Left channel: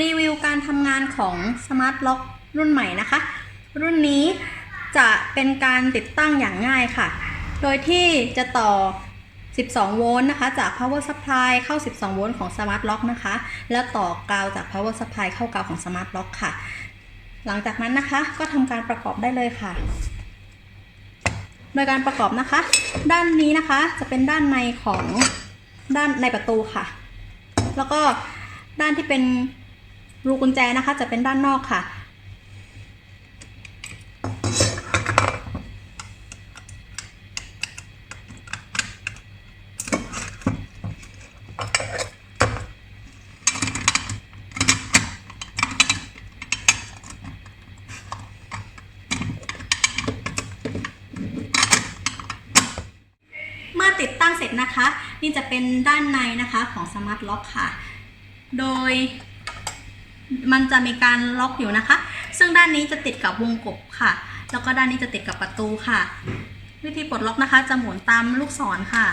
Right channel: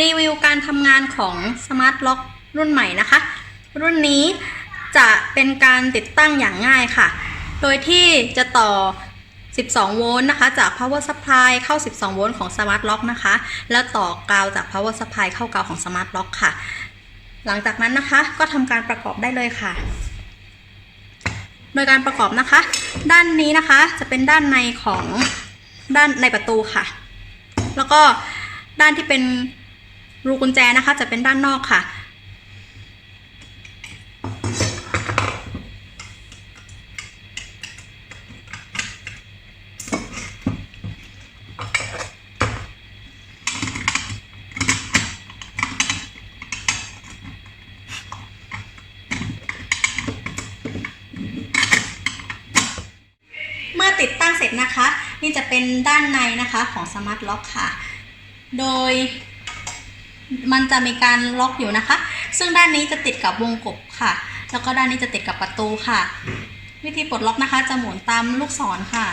รีวิวการทำงานของ Smart Lock รุ่นใหม่นะคะ รุ่นนี้จะเป็นการติดตั้งอย่างง่ายค่ะ โดยที่จะต่อ 12 โวลต์นะคะ จาก power supply เข้า 12 โวลต์ของ Smart Lock นะคะ แล้วต่อกาวจาก power supply เข้ากาวของ Smart Lock ค่ะ หลังจากนั้นนะคะก็ทำการประกอบได้เลยค่ะ โดยการประกอบนะคะ ด้านนี้นะคะจะเป็นด้านในของด้านในประตูค่ะ แล้วก็ด้านที่เป็น รูกุญแจนะคะจะเป็นด้านนอกค่ะเมื่อติดตั้งเสร็จนะคะ นี่จะเป็นด้านในนะคะของ Smart Lock ค่ะ โดย มันจะมีการล็อกอยู่นะคะ ซึ่งด้านนี้จะติดกับวงกบค่ะ แล้วก็ด้านนี้จะติดกับประตูค่ะ วิธีปลดล็อกนะคะ จะหมุนตามลูกศรค่ะ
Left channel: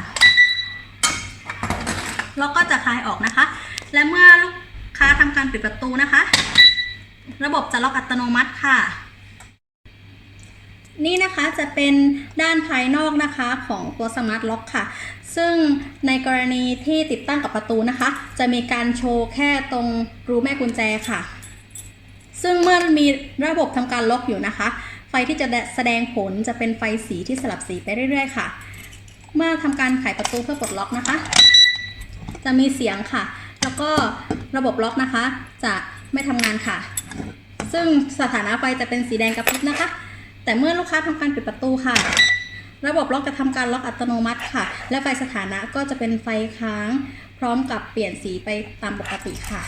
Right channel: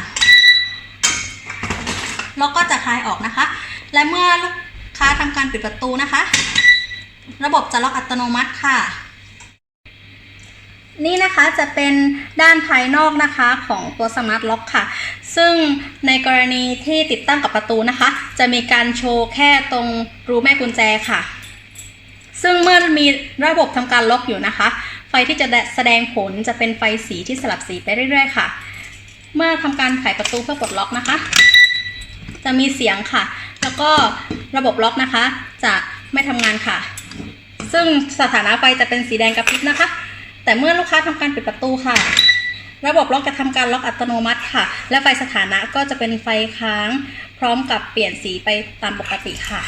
แล้วก็จะคลายออกนะคะ และเมื่อลูกค้าทำการปิดประตูนะคะ ระบบจะล็อกอัตโนมัติค่ะ นี่นะคะจะเป็นด้านภายนอกนะคะของตัว Smart Lock ค่ะ ซึ่งในกรณีที่ติดตั้งกับประตูนะคะ จะมีการโชว์แค่ตรงรูแม่กุญแจค่ะ ซึ่งเมื่อมีระบบทำการล็อกอยู่นะคะ ไฟที่จะแสดงผลจะเป็นไฟสีที่สลับสีไปเรื่อยๆ ค่ะ เมื่อทำการไขประตูเพื่อปลดล็อกนะคะ จะมีเสียงค่ะ แล้วก็ระบบล็อกนะคะ จะไม่ทำงานค่ะ ซึ่งสถานะไฟจะเป็นสีแดงกระพริบนะคะ แต่เมื่อลูกค้าทำการปิดประตูค่ะ ระบบล็อกจะทำการล็อกอัตโนมัติค่ะ และไฟสถานะก็จะเป็นไฟค้าง พร้อมกับเปลี่ยนสีไปตามปกติค่ะ